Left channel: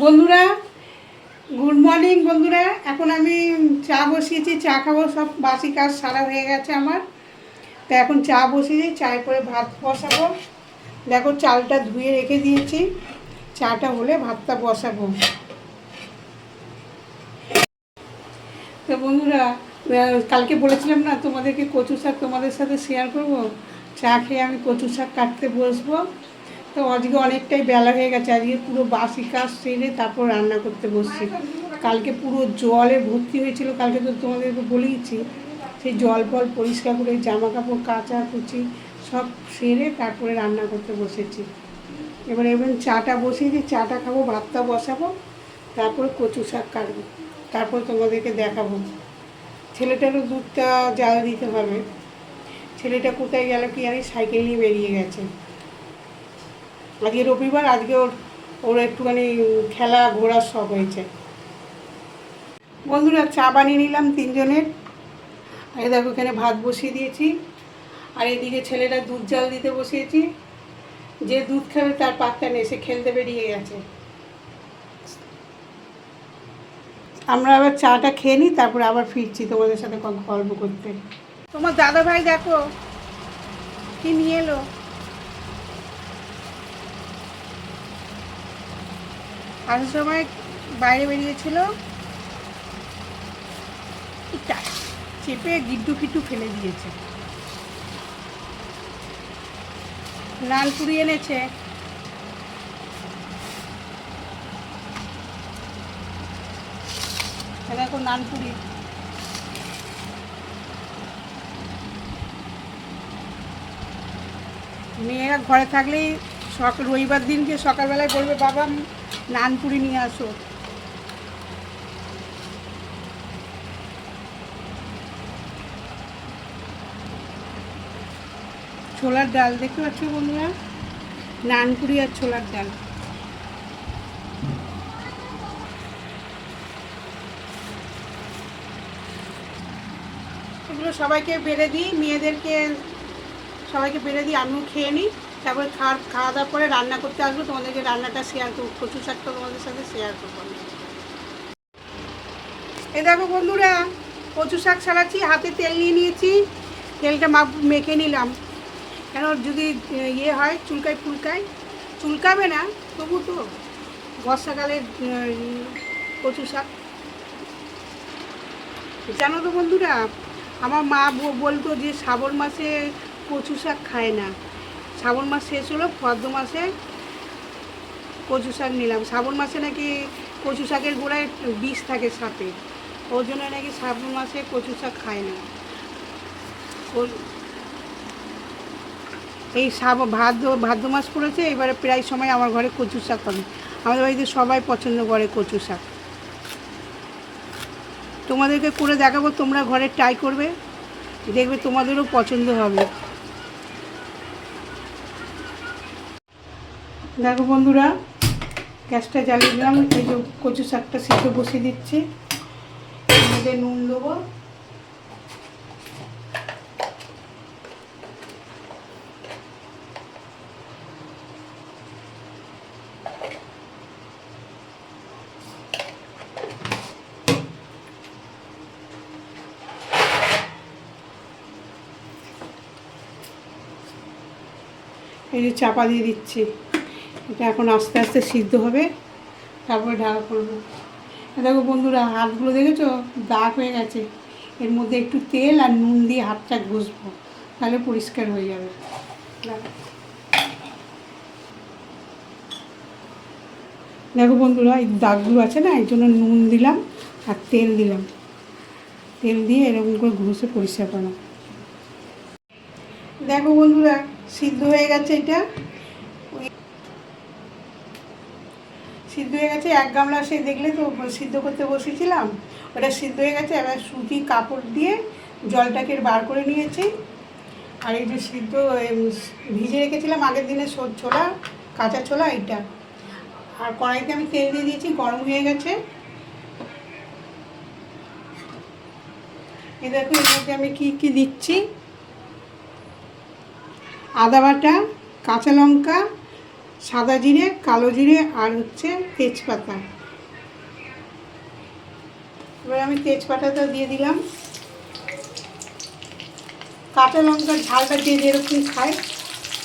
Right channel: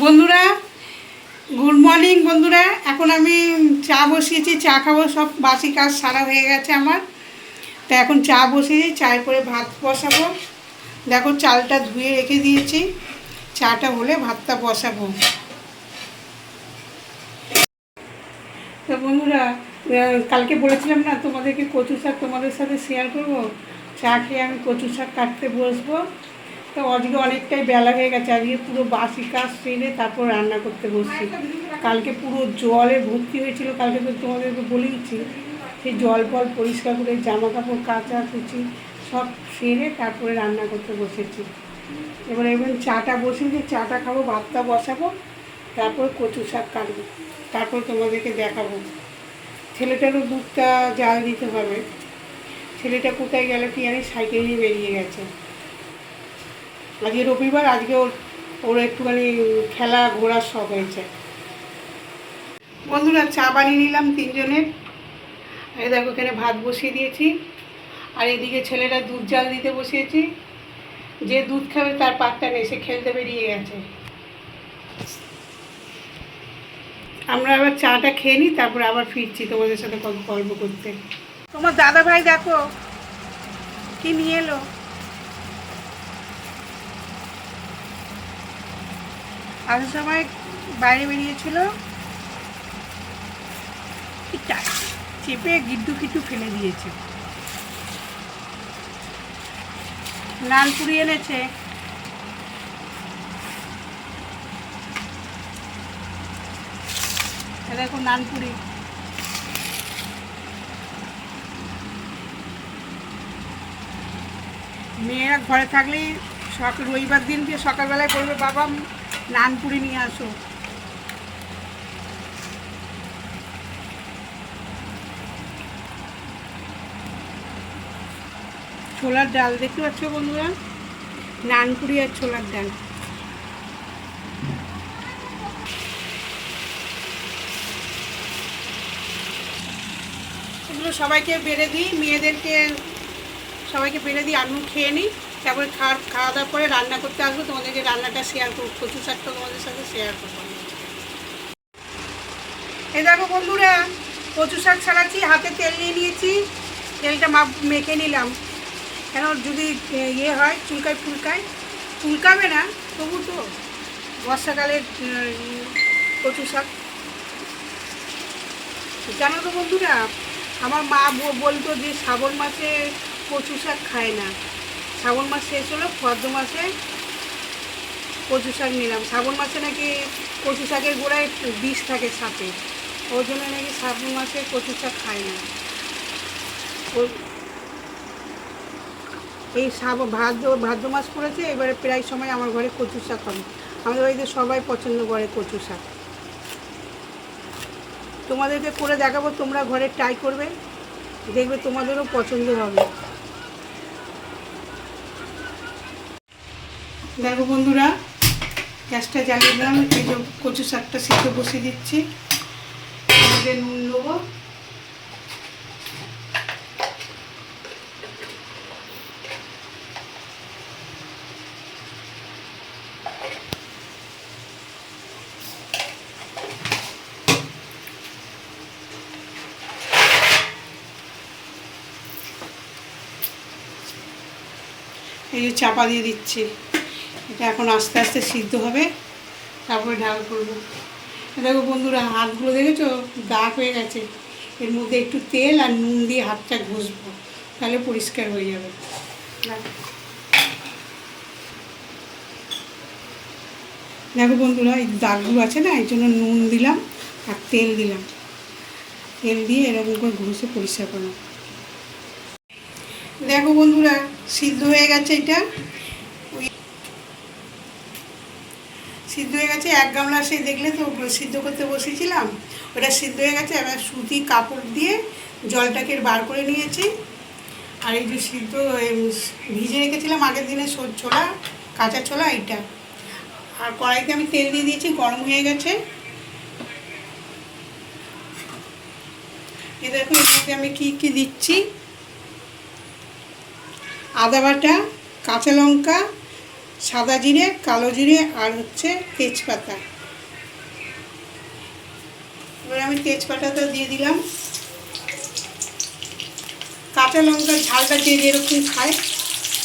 বন্ধুরা, good morning বন্ধুরা। এখন আমি চা বসিয়েছি, চা খাবো। সব বাসি কাজ সারা হয়ে গেছে আমার। তো এখন চা বসিয়েছি, চায় করে ভাত বসাবো। দেখো চালটা ধুয়ে রেখে দিয়েছি, চাটা হলে ভাতটা বসাবো। তো বন্ধুরা, কালকে বলেছিলাম না তোমাদেরকে কচু শাক তোমাদের সাথে শেয়ার করব। চা খেয়ে আমি কচু শাক কাটতে বসবো। তো আজকে অনেকটাই বেলা হয়ে গেছে, আজকে পুরো বাসি কাজ সেরে তারপর রান্না করতে বসছি। কালকে পুরো জলে ভর্তি হয়েছিল, কালকে তো তোমাদেরকে বলেইছি। সেই জল ফল পরিষ্কার করে জামা কাপড় কাচা কুচি সব সেরে তারপরে রান্না করতে বসেছি। এবার চাটা বসিয়ে দিয়ে চাটা খাবো, ভাতটা বসাবো, তারপরে কচু শাক কাটবো, তারপর তোমাদেরকে দেখাবো। ছেলেটারও দুধটা জাল দিতে হবে। ছেলেটা কোথায় গেল কি জানি, সাইকেল নিয়ে বেরিয়ে গেছে। আজকে রবিবার, আজকে ওর একটুখানি খেলা ঘোরার শখ হয়েছে। বন্ধুরা, চা বানিয়ে নিলাম তিনজনের। এই দেখো এখানে ভাত বসিয়ে দিয়েছি, আর এদিকে ছেলেটা দুধ জাল দিতে বসিয়েছি। যে দুধ খাবে তার পাত্তা নেই, সে খেলতে বেরিয়ে গেছে। আমরা আবার চাটা খেয়ে নিই, তারপরে আবার ফিরছি তোমাদের সাথে গল্প করতে। তোমার দাদা ভাই দেখো কি নিয়ে এলো। আসার সময় বাইরে বেরিয়েছিল, চেপে গিড্ডু ফিড্ডু ফেলে দিয়েছে। লালপুরি এনেছে। দেখো নানপুরি। মেয়েরা ঘরে থাকলে রবিবার দিনকে সকালবেলায় বলবে, বাবা নানপুরি নিয়ে আসো। ছোলার ডাল দেখতে পাচ্ছ বন্ধুরা, নানপুরি আর ছোলার ডাল। এগুলো সবাইকে বেড়ে দিই, মেয়েদেরকে সবাইকে বেড়ে দিই, আমিও খেয়ে নিই। তারপরে খাওয়া দাওয়ার পরে রান্না করতে আসবো, তোমাদেরকে রান্নাটা শেয়ার করবো, কচু শাকটা তোমাদের সাথে শেয়ার করবো। এই দেখো বন্ধুরা, কচু শাক ছাড়াচ্ছি, হাতে তেল নিয়ে নিয়েছি। তেলটা মেখে নিলাম, কেন যদি হয় চুলকাবে না, তবু তো বর্ষাকালের কচু শাক। জানো তো বন্ধুরা, আমার মা বলতো যে শ্রাবণ মাসে কচু শাক খায় না। শ্রাবণ মাস শেষ হলো, ভদ্র মাসে কচু শাক নিলাম। শ্রাবণ মাসে নাকি কচু শাকের গোড়ায় বিষ থাকে সাপে, ওই জন্য নাকি শ্রাবণ মাসে কচু শাক খায় না। এই ভাদ্র মাস পড়েছে, এবারে প্রায় সময় আমার ঘরে কচু শাক করে। আমাদের বাড়িতে সবাই পছন্দ করে কচু শাক। তোমাদেরকে করে দেখাবো, তোমরা ঘরে ট্রাই করবে, দেখবে তোমাদেরও পছন্দ হবে। দেখো বন্ধুরা, গ্যাসটা জ্বালিয়ে দিলাম। এই যে কচু শাকটা সিদ্ধ বসিয়ে দিচ্ছি, মধ্যে নুন দেবো। এই যে চাপা দিয়ে দিচ্ছি, এটা এখন আস্তে আস্তে সিদ্ধ হবে, তারপরে ঢাকা করবো। দেখো বন্ধুরা, হাতগুলো দেখেছো দাগ হয়ে গেছে। এর মধ্যে একটু তেল আর নুন দিয়ে হাতটা ঘষবো, তাহলে পরিষ্কার হয়ে যাবে। দেখো বন্ধুরা, এই দাগগুলো আছে না, এই জন্য নুন দিলাম আর তেল দিলাম। তেল দিয়ে এরকম করে ঘষে পরিষ্কার করলাম। দেখো বন্ধুরা, সিদ্ধ হয়ে গেছে। এটা সিদ্ধ হয়ে গেছে, এক গামলা সে দেখলে তো সিদ্ধ করতে বসেছিলাম, ওটা সিদ্ধ হয়ে গেছে। এবার সুতি কাপড় দিয়ে জলটাকে বার করে নিয়েছি। আর এই যে সিদ্ধ ভিজে রেখেছিলাম আগের দিনে ছোলা, কাঁচা ছোলা, এইটা। আর কড়াইতে আমি তেল দিয়ে দিয়েছি, গরম হয়ে গেছে। এ দেখো এর মধ্যে আমি কী দিচ্ছি: আদা বাটা, কাঁচা লঙ্কা, সাদা জিরে, কালো জিরে আর হচ্ছে তেজপাতা। এবার আমি তেজপাতাটা দিয়ে দিলাম। কাঁচা লঙ্কার ঝালটা যে যেরকম খায়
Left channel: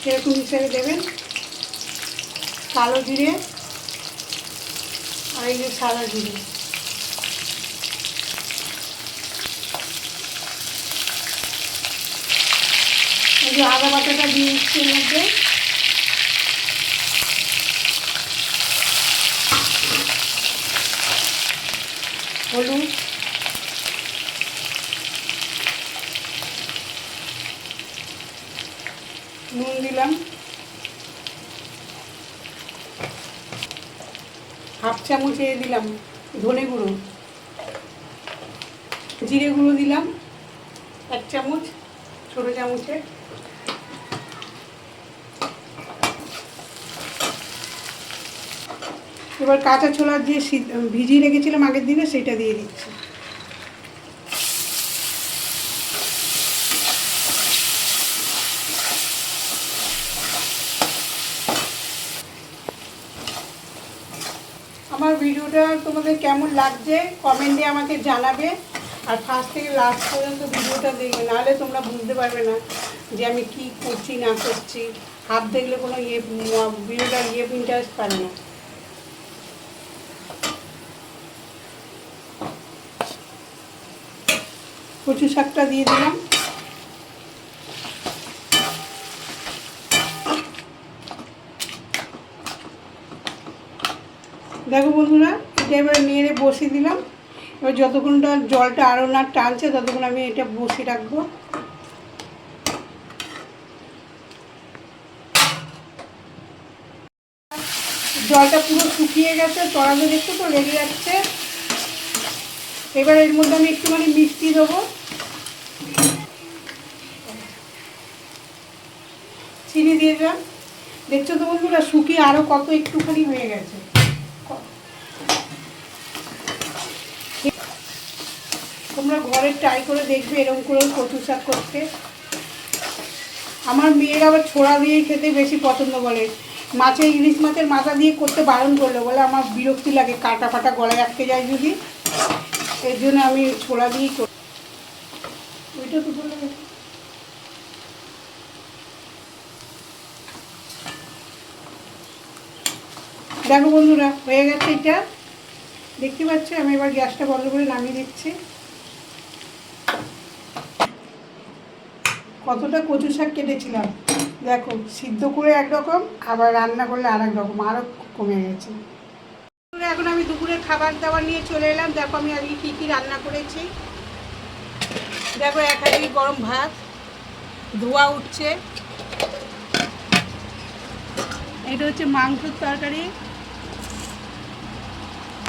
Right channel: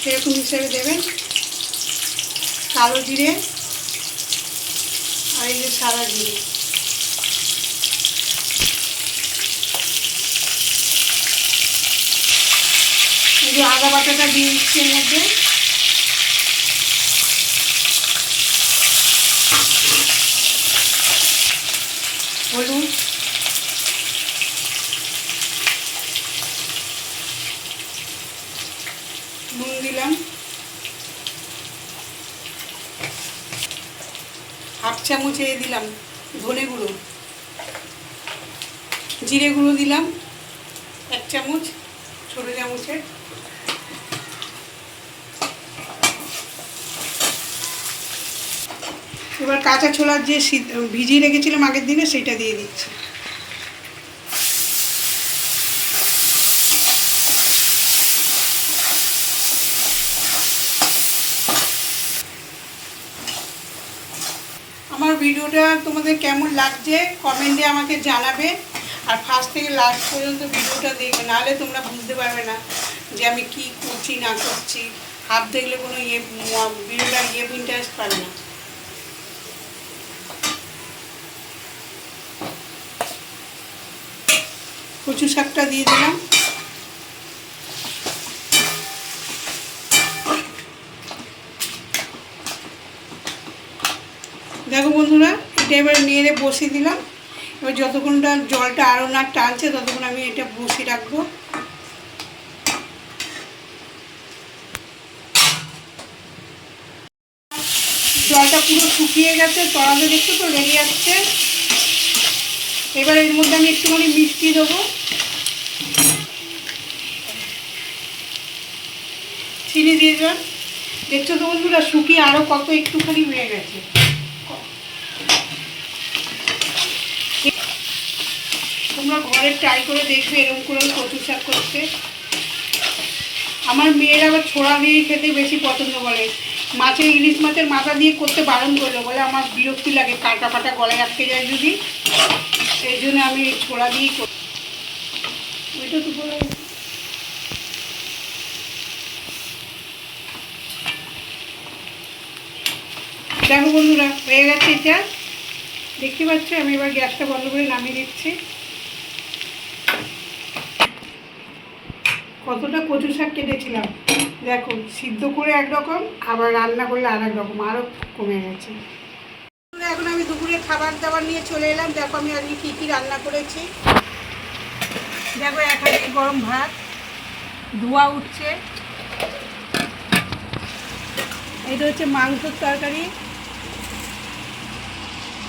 সেরকম হিসেবে দেবেন। কালো জিরে আর এই যে সাদা জিরে, এই যে আদা বাটাটা দিয়ে দিচ্ছি এর মধ্যে। হলুদ, নুন দিলাম, হাফ চামচ দিলাম ধনে গুঁড়ো, জিরে গুঁড়ো দিলাম 1 চামচ ছোটো চামচের। এবার কাঁচা ছোলার যে ভিজিয়ে রেখেছিলাম আগের দিনে সেটা দিয়ে দিচ্ছি। আমার ভিডিওটা তোমাদের কেমন লাগছে কমেন্টে আমাকে জানাবে। আর ফার্স্ট থেকে লাস্ট পর্যন্ত ভিডিওটা দেখবে, নাহলে তোমরা বুঝতে পারবে না যে আমি কি করছি না করছি। হাত দেখলে কোনো ভিডিওটা ইন্টারেস্ট পাবে না। কচু শাকটা দিয়ে দিলাম। দেখো বন্ধুরা, এটা এবার নেড়ে বসিয়ে দিলাম। এবার যতক্ষণটা জলটা আরও না টানছে ততক্ষণ আমি এটা বসিয়ে রাখবো। জলটা পুরো শুকিয়ে গেছে, তলাতে দেখতে তো লেগে যাচ্ছে। এবার এর মধ্যে আমি একটুখানি মিষ্টি দেবো, চিনি দিয়ে দিলাম। দেখছো তো বন্ধুরা, শুকিয়ে আরও কত একটুখানি হয়ে গেছে। তোমরা ঘরে ট্রাই করে দেখবে এরকম করে কচু শাক করতে। আমার মেয়েরা আবার ছোড়া দিয়ে খেতে বেশি পছন্দ করে। মাছের ইলিশ মাছের মাথা দিয়ে করতে বারণ করলে বলে আমার বিরক্তি লাগে, কাটা কাটা গলায় আটকে যায় যদি, এই জন্য আমি ছোড়া দিয়েই করি। এটা তো বলে দেখো বন্ধুরা, হয়ে গেছে এটা, দেখতে পাচ্ছি। আমি এবার গ্যাসটা বন্ধ করে নামিয়ে দিচ্ছি। কতটা কচু শাক কেটেছিলাম দেখো, সিদ্ধ করে একরকম, আবার রান্না করলে আর এক রকম, আরও কমে গেছে। এখন আমি দুপুরের খাবার দাবার নিয়ে চলে এলাম। দেখো আমি আজকে কী কী রান্না করেছি। দেখো এক হাঁড়ি গরম ভাত, ধোয়া উঠছে। এটা হচ্ছে মাংসের তরকারি।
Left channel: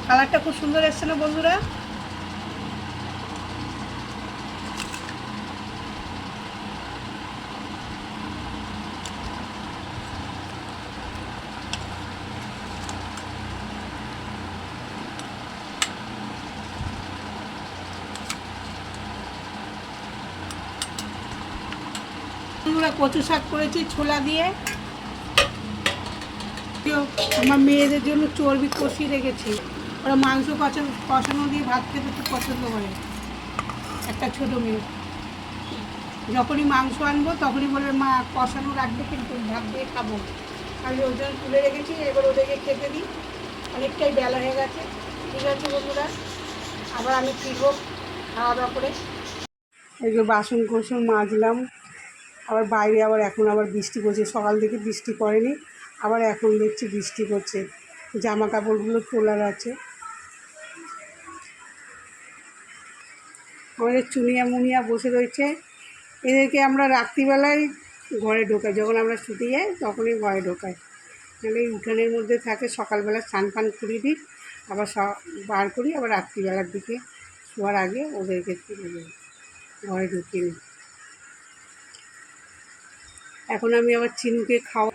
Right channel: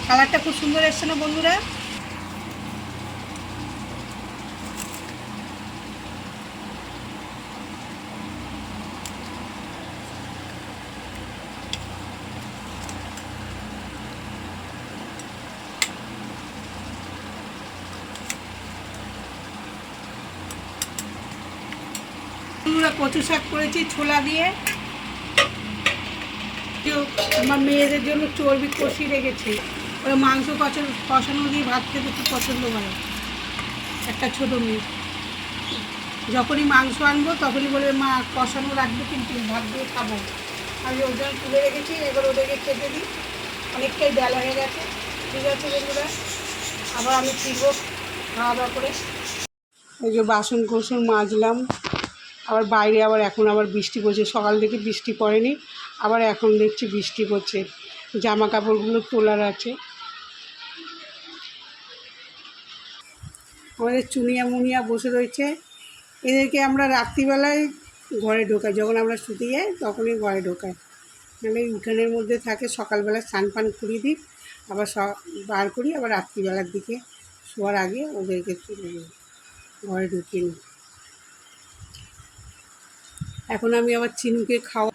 কালারটা খুব সুন্দর এসছে না বন্ধুরা? কচু শাক করেছি ছোলা দিয়ে। আমার মেয়েদের জন্য চর্বি কষিয়ে রেখেছি, ওরা মাংস কষানো দিয়ে ভাত খেতে খুব পছন্দ করে। একটা ছোটো মেয়ে, যখনই মাংস আনবো তখনই বলবে মা কষানো রাখবে কিন্তু ভাত দিয়ে খাবো। আমি ওজন তুলে রেখেছি, এবার ওদেরকে খেতে দিই। অনেকটাই বেলা হয়ে গেছে। ঠিক আছে বন্ধুরা, আবার আমি ফিরবো খাওয়া দাওয়া করে। এই যে বাসন কোসন মাজলাম। আবার বাইরে এখন আবার বৃষ্টি পড়ছে, সকাল থেকে বৃষ্টি পড়েনি, আবার এখন দেখছি বৃষ্টি পড়ছে। জামা কাপড়গুলো তোলার আছে। আমাদের চুনিয়া মুনিয়া বসে রয়েছে। এদেরকে আমরা রাত্রিবেলায় ঘরে ঢোকাই, যখন আমরা শুতে যাই তখনই ঘরে ঢোকাই, নাহলে এই উঠানের মধ্যে থাকে। সকালবেলা স্নান পান করিয়ে দিই, আবার বার করি, আবার রাত্রিবেলার দিকে শোয়ার আগে ওদেরকে তুলে দিই, ঘরে ঢুকিয়ে নিই। এখন আমি আবার চিনুকে খাওয়া,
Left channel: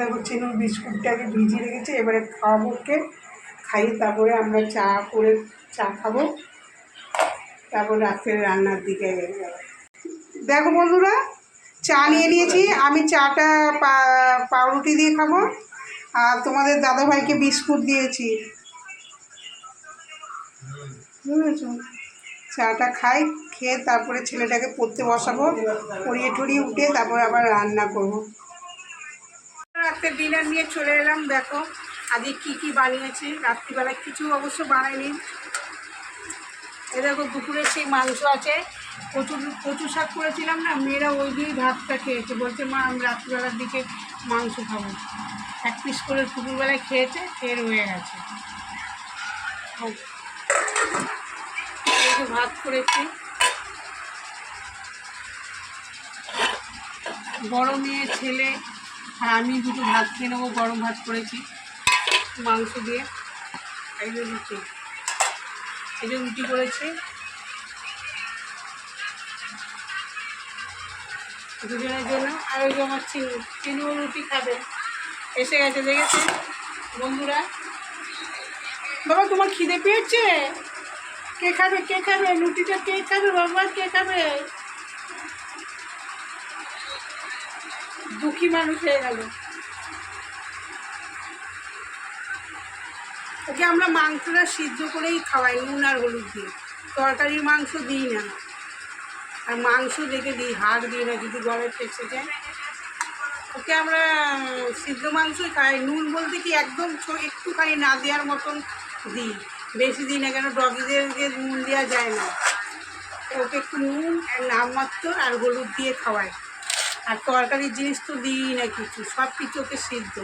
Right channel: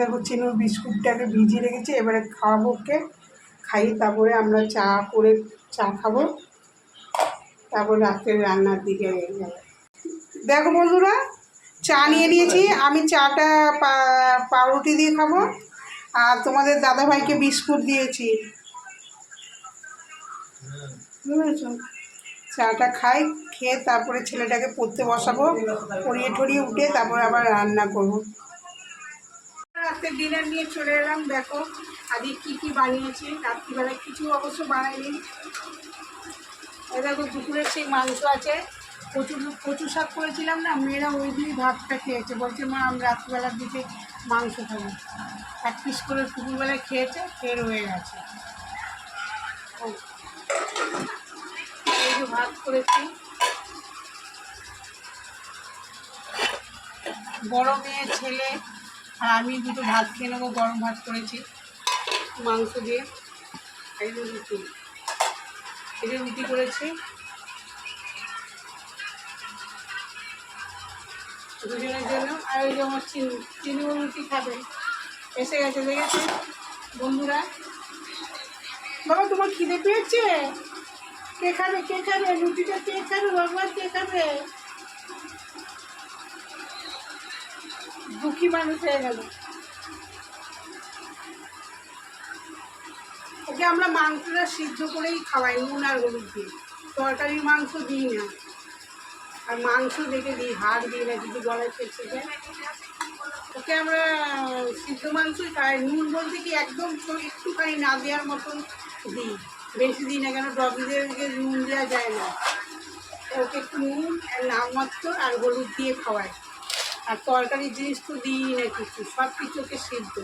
দেখো চিনুর বিস্কুটটাকে ভিজিয়ে রেখেছি, এবারে খাওয়াবো ওকে। খাইয়ে তারপরে আমরা চা খাবো, তারপর রাত্রে রান্নার দিকে যাবো। দেখো বন্ধুরা, চা নিয়ে নিয়েছি, আমি চাটা পাউরুটি দিয়ে খাবো, আর তোমাদের দাদাভাইকে বিস্কুট দিয়েছি, বুঝেছ। চাটা খাই, খেয়ে তারপরে ছেলেটাকে পড়তে বসাবো, পড়িয়ে ঠড়িয়ে উঠে তারপরে আবার রান্না করবো। রাতের ডিনার নিয়ে চলে এলাম। দেখো আজকে কী কী বানিয়েছি। রাত্রিবেলায় কিছু অবশ্য বানাইনি। এ দেখো দুপুরের সেই মাংস আছে, কচু শাক করেছিলাম না, মেয়েরা ওই দিয়েই ভাতটা খেয়েছে, বলছে মা আমি রাত্রিবেলার দিকে মাংস খাবো। এক পিস করে দুপুরবেলায় খেয়েছে, খেয়ে রয়ে গেছে। এই যে ভাত করেছি, বড় মেয়ে ছেলে আর আমি দুটো ভাত খেয়ে নেবো। গরম ভাত করেছি মাংস দিয়ে। এই যে রুটি, এই যে রুটি করেছি দুজনের জন্য। আর ওই যে আমার চিনিও রুটি খাবে, এসে গেছে, দেখেছে বন্ধুরা। বাবা তোমার খিদে পেয়েছে? কে খাবে, কে খাবে রুটিটা, কে খাবে বাবা, কে খাবে? দুঃখী মানুষ হয়ে গেল। ওকে আমরা মাংসটা সিদ্ধ করেই খাওয়াই, নুন আর হলুদ দিয়ে। তরকারির মাংস দিই না, আর মাংস দেখে দিই, হাড় দিই না, যদি গলায় ফেসে যায়। ওকে আমরা সিদ্ধ মাংসই খাই। নুন বলতে কি একদম একটুখানি না দেওয়ার মতন দিই, বেশি দিই না, কেন ডগিদেরকে নুন দেওয়া যায় না। ওকে একটু নুন আর নামমাত্র আর হলুদ দিয়ে খাওয়াই। আর তরকারির জিনিস তো দিই না কিছু, সব কিছু ওকে সিদ্ধ।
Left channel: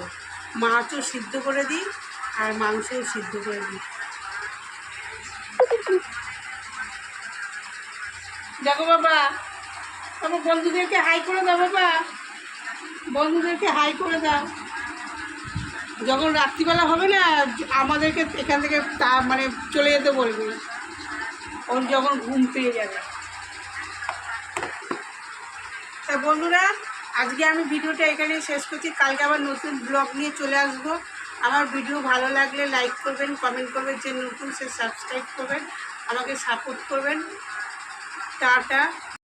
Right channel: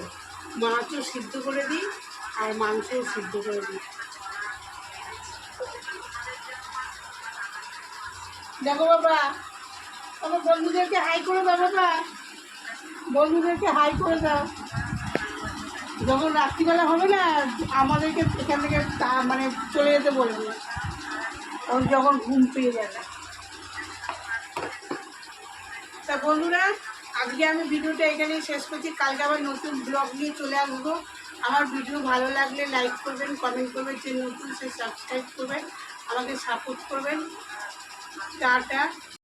মাছও সিদ্ধ করে দিই আর মাংসও সিদ্ধ করে দিই। দেখো বাবা, আমার বন্ধুদেরকে হাই করে দাও বাবা, বন্ধুদেরকে হাই করে দাও। যখন রাত্রিবেলা হবে না, আমাদেরকে এখান থেকে মানে চলে যেতে বলবে, ওর যখন ঘুম পেয়ে যাবে। তা বন্ধুরা, আজকে আমি ভিডিওটা এখানেই শেষ করছি। কালকে আবার নতুন ব্লগ নিয়ে চলে আসবো। আমার ভিডিও ভালো লাগলে লাইক করবেন, কমেন্ট করবেন, যে নতুন সে সাবস্ক্রাইব করবেন, আমাকে সাপোর্ট করবেন। টাটা।